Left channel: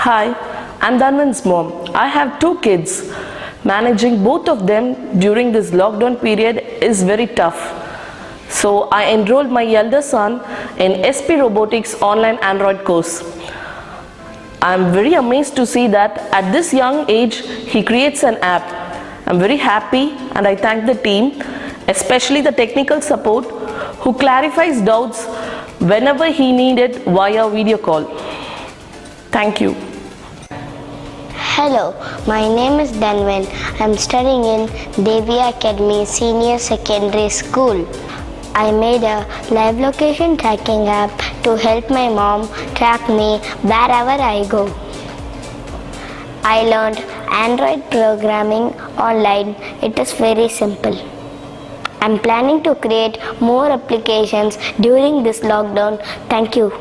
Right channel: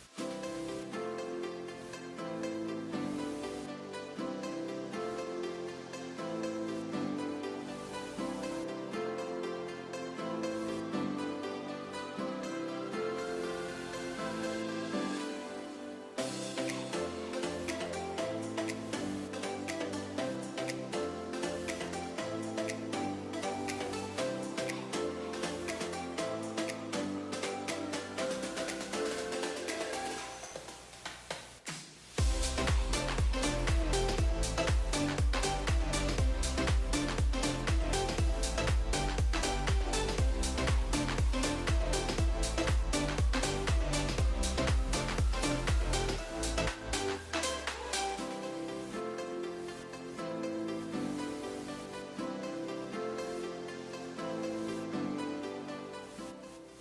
Hi, I'm Dhanvin's mom. I have two kids. Managing both of them during this lockdown period is very tough. So I enrolled my elder son in SP Robotics online Android course. I'm very amazed to see that at this young age he creates an app. I'm very happy and I thank the team, especially the technical support who clarifies doubts whenever he needed via video call. Thank you. Hello, my name is Dhanvin. I'm studying in Devi Academy Senior Secondary School. I made a live location tracking app to help my mom track me wherever I go. I learned Android programming online. It is very simple. I'm planning to create more applications during this lockdown. Thank you.